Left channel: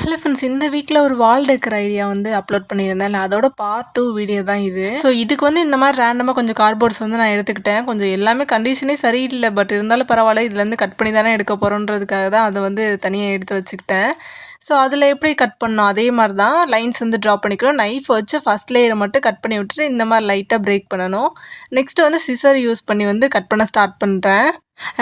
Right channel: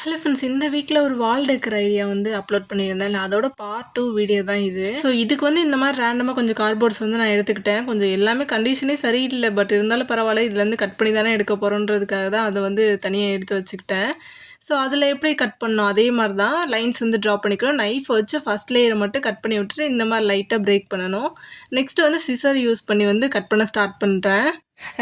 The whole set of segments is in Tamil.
ஹலோ ஃப்ரெண்ட்ஸ், இந்த வீக்ல ஒரு வால் டெக்கர் ஐடியா வந்து அப்லோட் பண்ணியிருந்தேன்ல, அதோட பார்ட் 2 வீடியோ தான் இது. ஸோ இதுக்கு வந்து இந்த மாதிரி ரேண்டமா கொஞ்சம் கார்ட்போர்ட்ஸ் வந்து நான் எடுத்துக்கிட்டேன். கொஞ்சம் எல்லாமே கண்டிஷனே சரியில்ல. பட் இருந்தாலும் பரவாயில்ல. இதுலேருந்து கட் பண்ணி தானே எடுக்க போகிறோன்றதுக்காக தான் அதை வந்து தனியாக எடுத்து வச்சுக்கிட்டேன். ஸோ அதில் எப்படி கட் பண்ணோம் அதே மாதிரி தான் லைன்ஸ் வந்து ட்ரா பண்ணிக்கணும். நைஃப் வச்சு ஃபஸ்ட் லேயரை மட்டும் கட் பண்ணி விட்டுட்டு இந்த மாதிரி லைட்டாக பிரேக் பண்ணணும். நெக்ஸ்ட் வந்து சிசர் யூஸ் பண்ணி வந்து கட் பண்ண ஸ்டார்ட் பண்ணுறேன்.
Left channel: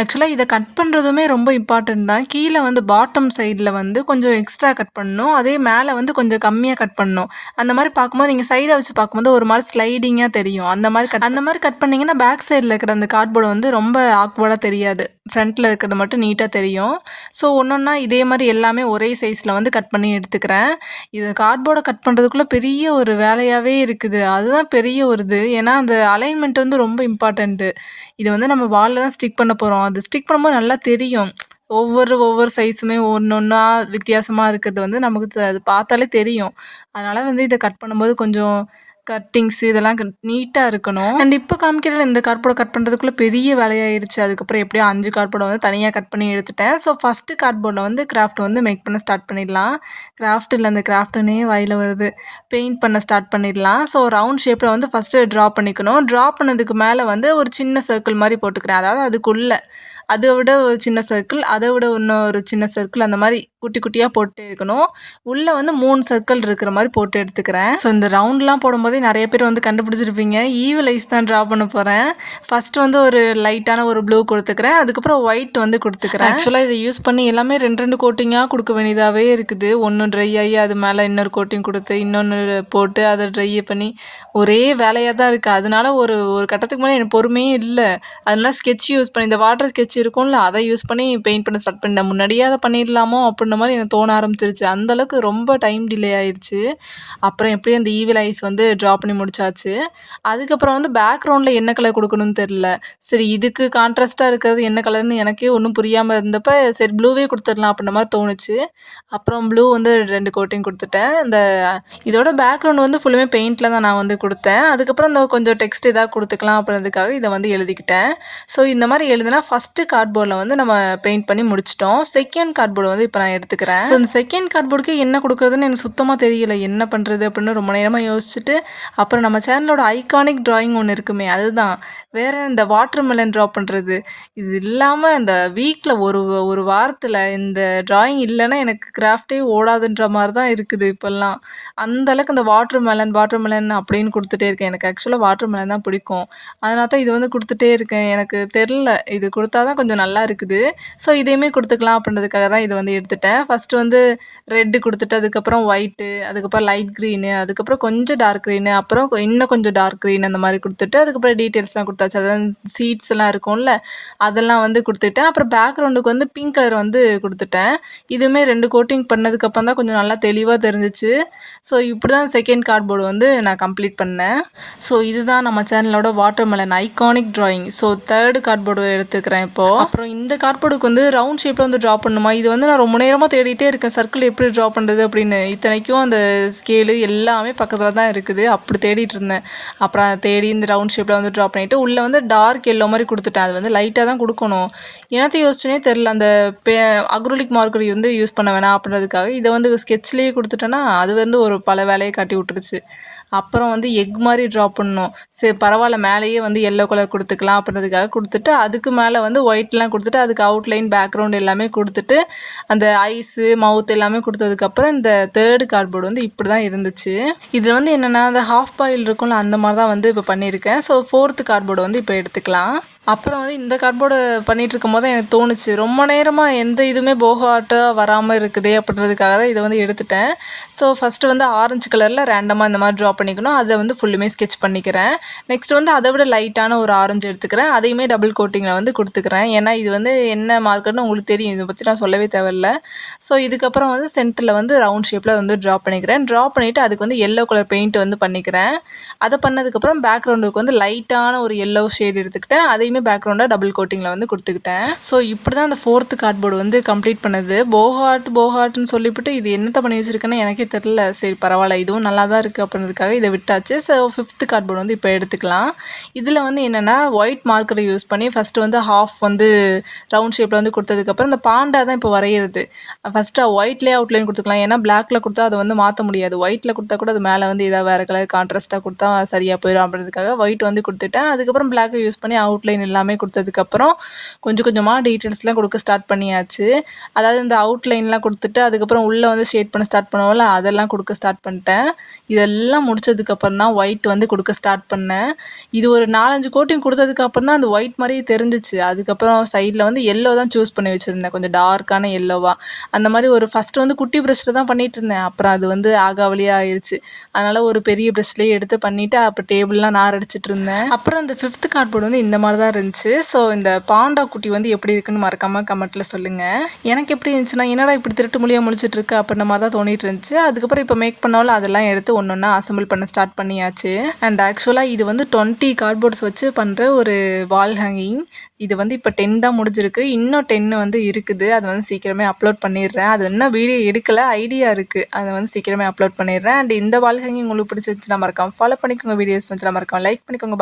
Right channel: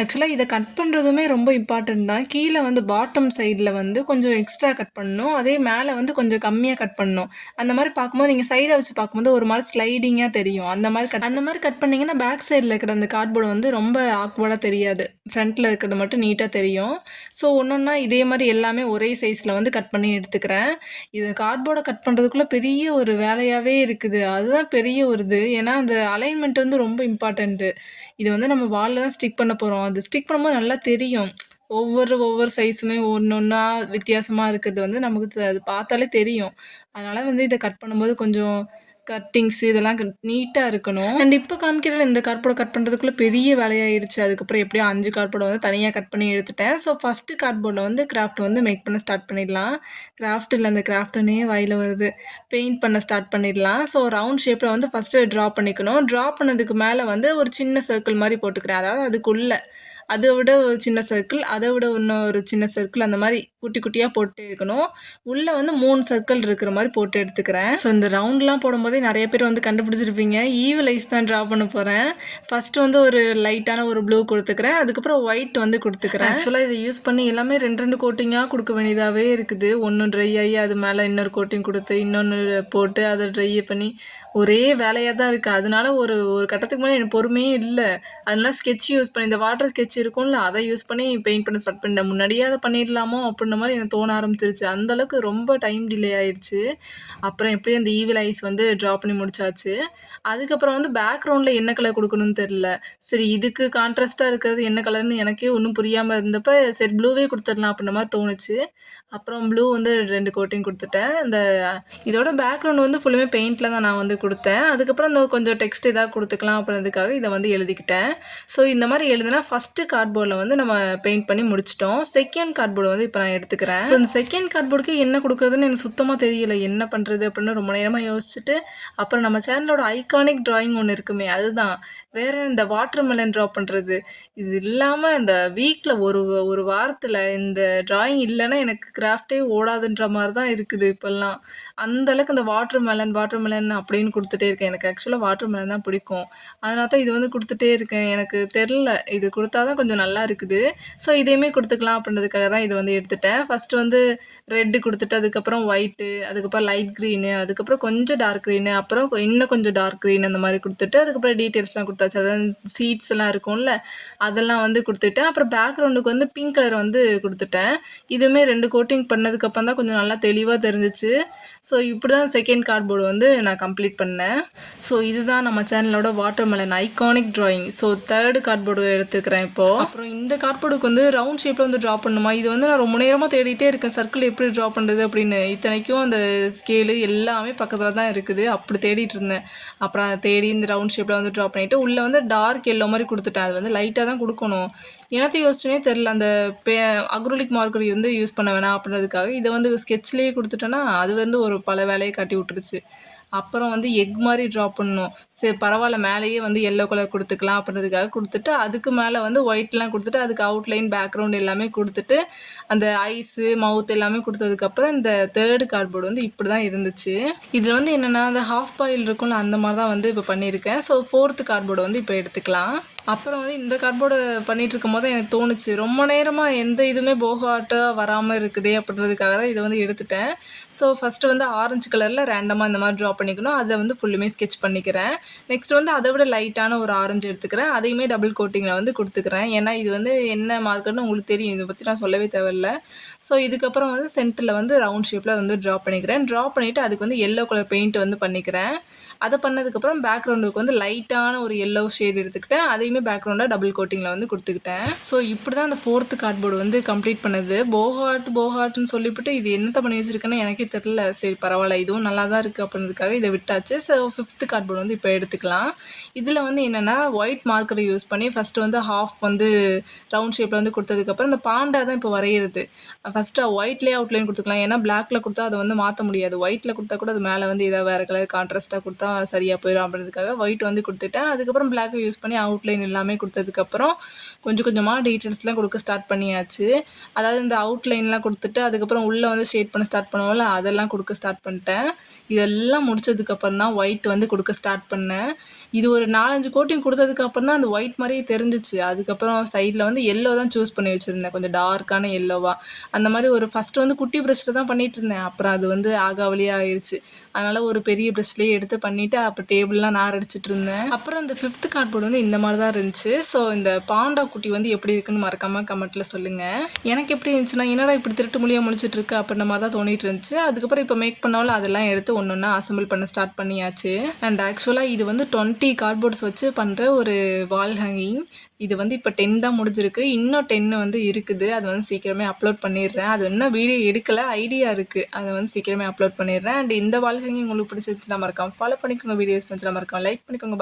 ஆக்சுவலாக இதை கட் பண்ணுறதுமே ரொம்ப இம்பார்ட்டன்ட் தான். கீழே வந்து பாட்டம் சைடில் வந்து கொஞ்சம் எக்ஸ்ட்ரா கட் பண்ணணும். அதே மேலே வந்து கொஞ்சம் கம்மியாக கட் பண்ணணும். அந்த மாதிரி பார்க்கும்போது நீங்கள் சைடை வச்சு பார்க்கும்போது ஒரு மாதிரி ஸ்லைடிங்காக தெரியும். அந்த மாதிரி கட் பண்ணிங்கன்னா பேக் சைடில் இருக்கிற அந்த கார்ட்போர்டு வந்து ரொம்ப ஆக்வர்டாக தெரியாது. ஃப்ரண்ட்டில் இருக்கிறது மட்டும் நீட்டாக தெரியும். ஸோ ஒன்றா இதே மாதிரி எல்லாமே ஒரே சைஸில் வந்து கட் பண்ணி எடுத்துக்கிறேன். இது கார்ட்போர்டை கட் பண்ணுறதுக்குள்ளே பெரிய ஒரு வேலையாகவே இருக்குது. அதுதான் பெரிய ஒரு இது. ஏன்னா அந்த அலைன்மெண்ட் வந்து ரொம்ப இம்பார்ட்டண்ட்டு. இதை வந்து நம்ம வாலில் தான் ஸ்டிக் பண்ண போகிறோம். அது ஸ்டிக் பண்ணும்போது நல்லா தெரியும். ஒவ்வொரு சைஸுமே ஒன்றா வித்தியாசமாக இருக்கிறது வந்து நமக்கு அது பார்த்தாலே தெரியும். அதனால் வந்து இதை கட் பண்ணும்போது கொஞ்சம் கட்டிங்ஸு இதெல்லாம் நீட்டாக இருக்கணும். அண்ட் இப்போ காமிக்கிற இந்த கார்ட்போர்டை கட் பண்ணுறதுக்குள்ளே பெரிய வேலையாயிருச்சு. அதுக்கப்புறம் எப்படியோ 5 கார்ட்போர்டை வந்து தனியாக கட் பண்ணி எடுத்துட்டேன். ஸோ ஃபஸ்ட்டு கார்ட்போர்டில் வந்து கிராஃப்ட் வந்து மேக் பண்ண ஸ்டார்ட் பண்ணிடலாம். கிராஃப்ட் இல்லை, அந்த கிராஃப்ட்டுன்னே வாயில் வருது. பெயிண்ட் பண்ண ஸ்டார்ட் பண்ணிடலாம். ஸோ ரவுண்ட் ஷேப்பில் வந்து ஃபஸ்ட்டு ட்ரா பண்ணிக்கணும். ட்ரா பண்ணதுக்கு மேலே வந்து ஒரு சின்ன சர்க்கிள் மாதிரி போட்டுக்கிறேன். அதாவது அதுக்குள்ளே அதை விட ஒரு சின்ன சர்க்கிள், அதை விட இன்னும் ஒரு சின்ன சர்க்கிள், அந்த மாதிரி குட்டி குட்டியாக போட்டு இருக்கணும். உள்ளே வந்து 3 சர்க்கிள் இருக்கிற மாதிரி போட்டு எடுத்துக்கிறேன். ஸோ இந்த ரவுண்ட்லாம் போடும்போதே நிறைய பேர் வந்து கண்டுபிடிச்சிருப்பீங்க. ஈவில் ஐஸ் தான் ட்ரா பண்ண போகிறேன். ஃபஸ்ட்டு வந்து ஒரு லைட்டான ஒரு ப்ளூ கொடுத்துக்கிறேன். அதுக்கப்புறம் ஒயிட் வந்து கொடுத்துக்கிறேன். ஆக்சுவலாக இதை யூஸ் பண்ணி எல்லாமே 2 கோட்டிங்காக கொடுக்க வேண்டியதாகவே இருக்குது. ஒன்று ட்ரை ஆகி அது மேலே இன்னொரு கோட்டிங் கொடுத்து இன்னொன்று போட்டு அதை ட்ரை பண்ணி ஒரே வேலையாக தான் இருக்குது. அதனால ஒரு கட்டத்துக்கு மேலே எனக்கு பொறுமையே இல்லை. அதனால ஸ்கெட்ச் யூஸ் பண்ணி இந்த வாட்டர் ஸ்கெட்ச் இருக்கும்ல, அதை யூஸ் பண்ணி பெயிண்ட் பண்ண ஸ்டார்ட் பண்ணேன். முன்னாடியே அதை பண்ணிடலாமோ அப்படின்ற மாதிரி எனக்கு தோண ஆரம்பிச்சிருச்சு. அந்தளவுக்கு ரொம்ப டைம் டிலே ஆயிடுச்சு. அப்புறம் எப்படியும் அந்த ஈவில் ஐஸ் வந்து ட்ரா பண்ணி முடிச்சாச்சு. அதுக்கப்புறம் வந்து பேக்ரவுண்டில் என்ன கலர் கொடுக்கணும்னு தெரில. சரி, இதுக்கு கான்ட்ராஸ்ட்டாக இருக்கிறது என்ன கலர்னு எனக்கே ஒன்றும் புரியாமல் இருந்தப்போ சரி ப்ளூவே கொடுத்துடலாம் அப்படின்ற மாதிரி தோணுச்சு. அப்புறம் ப்ளூ வந்து 2 கோட்டிங் கொடுத்துட்டேன். இதோட பேக்ரவுண்ட் வந்து ஃபுல்லுமே பெயிண்டில் தான் நான் வந்து கொடுத்தேன். அதுக்கப்புறம் இந்த கொஞ்சம் டெக்ஸ்ட் ஏதாவது கொடுத்துக்கலாம் அப்படின்றதுக்காக இதை வந்து எழுதிக்கிட்டேன். ஸோ இந்த மாதிரி எழுதுனா ஃபஸ்ட்டு கார்ட்போர்டில் வந்து நம்ம பெயிண்ட் பண்ணி முடிச்சிட்டோம். செகண்ட் கார்ட்போர்டு வந்து இப்போ நான் எடுத்துக்கிறேன். ஸோ இந்த செகண்ட் கார்ட்போர்டுக்கு என்ன கொடுக்குறதுன்னு எனக்கு சுத்தமாக தெரியல. என்ன பண்ணுறது அப்படின்னு ரொம்ப நேரமாக யோசிச்சுட்டு அப்புறம் நம்ம சேனலோட ஐகானிக் ட்ராயிங் ஒன்று இருக்குமே, அதுதான். வேறு இந்த வாட்டர் மெலன் ட்ரா பண்ணுறது. இது இல்லாமல் இந்த வீக்கில் ஒரு வாரத்தில் இந்த ட்ராயிங் இல்லைன்னா எனக்கு கிராஃப்டே ஓடாதுன்ற மாதிரி தான் இருக்குது இப்போல்லாம். அந்தளவுக்கு இந்த வாட்டர் மெலன் அப்படின்னு கொடுத்துட்டே இருக்கேன். எனக்கு ஆக்சுவலாக வாட்டர் மெலன் தான் பிடிக்கும். அதனால தான் இது வந்து கொடுத்துட்டே இருக்கேன். எனக்கு தெரில, இது கொடுத்தா தான் கொஞ்சம் நல்லா இருக்குது. ஸோ இதையுமே கொடுத்துக்கலாம் அப்படின்றதுக்காக தான் இதை வந்து எடுத்துட்டேன். ஃபஸ்ட்டு வந்து ரெட்டு கொடுத்துட்டு அதுக்கப்புறம் ஒயிட்டு, அதுக்கப்புறம் லைட் க்ரீனு, அதுக்கப்புறம் கொஞ்சம் டார்க் க்ரீனு, அப்புறம் இன்னும் கொஞ்சம் டார்க் க்ரீன் அந்த மாதிரி கொடுத்துட்டு அதுக்கப்புறம் டீட்டெயில்ஸ்லாம் கொடுத்தாச்சு. அதான் சீட்ஸ் எல்லாம் இருக்கும்ல, அதெல்லாம் வந்து கொடுத்துட்டேன். அப்புறம் பேக்ரவுண்டுக்கு வந்து பிங்க் கலர் வந்து கொடுத்துட்டேன். இதுவுமே 2 கோட்டிங் பண்ணதுக்கப்புறம் தான் கொஞ்சம் நல்லா தெளிவாக தெரிஞ்சிச்சு. ஸோ இப்படி தான் செகண்ட் கார்ட்போர்டு வந்து நான் கம்ப்ளீட் பண்ணேன். ஸோ இதுதான் நம்ம சேனலோட water melon iconic drawing. So third cardboard எடுத்துக்கிறேன் இப்போது. அப்புறம் இந்த கார்ட்போர்டுக்கு வந்து ரவுண்ட் ஷேப்பில் வந்து ட்ரா பண்ணுமா, இது வந்து நான் ரொம்ப நேரமாக தேடிட்டே இருக்கேன். சர்க்கிள் எப்படி ட்ரா பண்ணுறது அப்படின்னு. இத்தனைக்கும் அந்த ஸ்கேலு எல்லாமே பக்கத்தில் தான் இருக்குது. அப்படி தேடிட்டு இருந்தேன். அப்புறம் அதை தேடி இந்த ரவுண்ட் ஷேப்பில் வந்து ட்ரா பண்ணிவிட்டு உள்ளே வந்து டார்க் எல்லோ மாதிரி கொடுத்துட்டேன். அது வந்து லைட்டாக தான் கொடுக்கணும். என்னத்தை யோசிச்சுனே தெரில. அந்த அக்ரோலிக் மார்க்கர் வந்து யூஸ் பண்ண வேணாம் அப்படின்றதுக்காக இதை வந்து ஸ்கெட்ச்லேயே கொடுத்துட்டேன்னா அது வந்து ஒரு பல வேலையை காட்டி விட்டுருச்சு. அப்புறம் வந்து எக் மாதிரி ட்ரா பண்ணணும். சரி பரவாயில்ல, மேலேயே வந்து எல்லோ கலர் கொடுத்துக்கலாம் அப்படின்றதுக்காக கொடுத்துட்டு அதுக்கு மேலே வந்து ஒயிட்லாம் கொடுத்துட்டு அதுக்கு அவுட்லைன் பேக்ரவுண்ட் எல்லாமே கொடுத்துட்டு அந்த ஐஸு மவுத் எல்லாமே கொடுத்ததுக்கப்புறம் இந்த தேர்டு கார்ட்போர்டு வந்து இப்படி தான் இருந்துச்சு. இதில் வந்து என்னென்னா அந்த ஹாஃப் பாயில் இருக்கும்ல, அந்த மாதிரி தான் வந்து இப்போ பண்ணியிருக்கேன். ஸோ ஃபோர்த்து கார்ட்போர்டு வந்து இப்போ எடுத்துக்கலாம். அப்புறம் வந்து இந்த கார்ட்போர்டு பண்ணிகிட்ருக்கும் போது தான் எனக்கு தோணுச்சு, ரொம்ப நேரமாக எந்த இதுவுமே போகாட்டாக வராமல் இருக்குதே அப்படின்றதுக்காக தான் இதை வந்து எடுத்துட்டேன். ஸோ ஃபஸ்ட்டு வந்து ஆரஞ்சு கலரில் ரேண்டமாக இந்த மாதிரி ட்ரா பண்ணிக்கணும். அதை வந்து ஃபுல்லுமே ஸ்கெட்ச் பண்ணிக்கிறேன். நெக்ஸ்ட் வந்து அதை விட லைட்டான ஒரு ஆரஞ்சு எடுத்துக்கிறேன். அதையுமே டபுள் கோட்டிங்கில் வந்து கொடுத்துக்கிறேன். ஏன்னா இது வந்து என்ன மார்க்கர்னு உங்களுக்கு தெரியும், இதை பற்றி நான் சொல்லவே தேவையில்ல. ஸோ இதுக்கப்புறம் வந்து சென்டரில் வந்து ரவுண்ட் ஷேப்பில் வந்து ட்ரா பண்ணிக்கிறேன். ட்ரா பண்ணிவிட்டு அதுக்கு வந்து எல்லோ கலர் பெயிண்ட் வந்து பண்ணிக்கிறேன். அதை பண்ணதுக்கப்புறம் பேக்ரவுண்டுக்கு வந்து லைட்டான ஒரு எல்லோ ஷேட் எடுத்துக்கிட்டேன். அதையுமே எல்லாத்தையுமே பேக்ரவுண்டாக டபுள் கோட்டிங்கில் வந்து கொடுத்துக்கிட்டேன். ஸோ இப்படி தான் அந்த 4th கார்ட்போர்டு வந்து கம்ப்ளீட் பண்ணது. போஹார்ட்னு சொல்லிவிட்டு இது என்னத்த பண்ணி வச்சுருக்கேன்னு எனக்கே தெரில. சரி பரவாயில்ல, இதுவும் நல்லா தான் இருக்குது அப்படின்றதுக்காக இதை விட்டாச்சு. ஸோ 5th கார்ட்போர்டு வந்து இப்போ எடுத்துக்கலாம். இதில் வந்து என்னென்னா ஒயிட் மார்க்கரை யூஸ் பண்ணி ஃபஸ்ட்டு வந்து ஹாஃப் வந்து ரவுண்ட் ஷேப்பில் வந்து கொடுத்ததுக்கப்புறம் இந்த பாண்டா தான் இப்போ வரைகிறது. ஃபஸ்ட்டு ஒயிட்லேயே அவுட்லைன் கொடுத்துக்கலாம். ஏன்னா பிளாக்ல கொடுத்தா அதை வந்து மாற்ற முடியாது. ஒயிட்டில் கொடுத்தா கூட அது மேலே வந்து ஏதாவது வேறு கலர் கான்ட்ராஸ்ட்டாக கொடுத்தா சரியாக போயிடும் அப்படின்றதுக்காக ஒயிட் வந்து கொடுத்துட்டேன். அதுக்கப்புறம் பிளாக்கை யூஸ் பண்ணி அவுட்லைன் எல்லாமே கொடுத்ததுக்கப்புறம் கொஞ்சம் கொஞ்சமாக டீட்டெயில்ஸ்லாம் கொடுக்க ஸ்டார்ட் பண்ணியாச்சு. அதாவது இந்த அவுட்லைன்லாம் கொடுத்துட்டு அதுக்கப்புறம் உள்ளே வந்து ஷேட் பண்ண ஸ்டார்ட் பண்ணுவோம்ல, அதெல்லாம் கொடுக்க ஸ்டார்ட் பண்ணிட்டேன். இதெல்லாம் முடிச்சதுக்கப்புறம் தான் ஒயிட் வந்து கொடுக்க ஸ்டார்ட் பண்ணேன். இது ஒரு 4-5 கோட்டிங் கொடுத்ததுக்கப்புறம் தான் அந்த ஒயிட் மாதிரியே தெரிஞ்சிச்சு. அதுக்கப்புறம் சைடில் வந்து எல்லோ தான் சூஸ் பண்ணி வச்சுருந்தேன், கொஞ்சம் டார்க்கான எல்லோவாக. அந்த மாதிரி ஒரு ஃபஸ்ட்டு வந்து குட்டி ப்ரஷ்ஷில் தான் பண்ணிகிட்டு இருந்தேன். அப்புறம் அது வந்து ஆகாவலியாக ஆயிடுச்சு. அதனால் ஒரு பெரிய ப்ரஷ்லேயே எடுத்து பண்ணிவிட்டு அப்போ டேபிள்லாம் நார் அடிச்சிட்டு இருந்தேன். அப்புறம் இந்த 5th கார்ட்போர்டு வந்து இந்த மாதிரி தான் இருந்துச்சு. ஸோ இந்த பாண்டா குட்டி வந்து எப்படி இருக்குன்னு மறக்காமல் கமெண்ட்டில் சொல்லுங்கள். எனக்கு எப்படி இருந்துச்சுன்னா, என்னடா இப்படி திருட்டு மொழியாக முழிச்சிட்டு இருக்கு அப்படின்ற மாதிரி தான் தோணிட்டு இருந்துச்சு. அதுக்கப்புறம் இப்போ மேக் பண்ணாலும் அதெல்லாம் எடுத்து ஒன்று ஒன்றா அசம்பிள் பண்ண ஸ்டார்ட் பண்ணியாச்சு. அண்ட் ஆக்சுவலாக இது வந்து 20 கார்ட்போர்ட்ஸ் வச்சு பண்ணுற ஒரு வால் ஹேங்கிங். இது வந்து இப்போ 10 தான் முடிஞ்சிருக்கு. இன்னும் 10 வந்து இருக்குது. அது வந்து சீக்கிரமே அப்லோட் பண்ணிடுறேன். அது இன்னும் வீடியோ எடுக்கலை, ஐடியா இருக்குது. அதை வந்து சீக்கிரமே அப்லோட் பண்ணிடுறேன். அண்ட் இந்த வால் ஹேங்கிங் உங்களுக்கு பிடிச்சிருந்துச்சுன்னா மறக்காம ஃபாலோ பண்ணிக்கோங்க. வீடியோஸ் பிடிச்சிருந்தா மறக்காம லைக் பண்ணிக்கோங்க.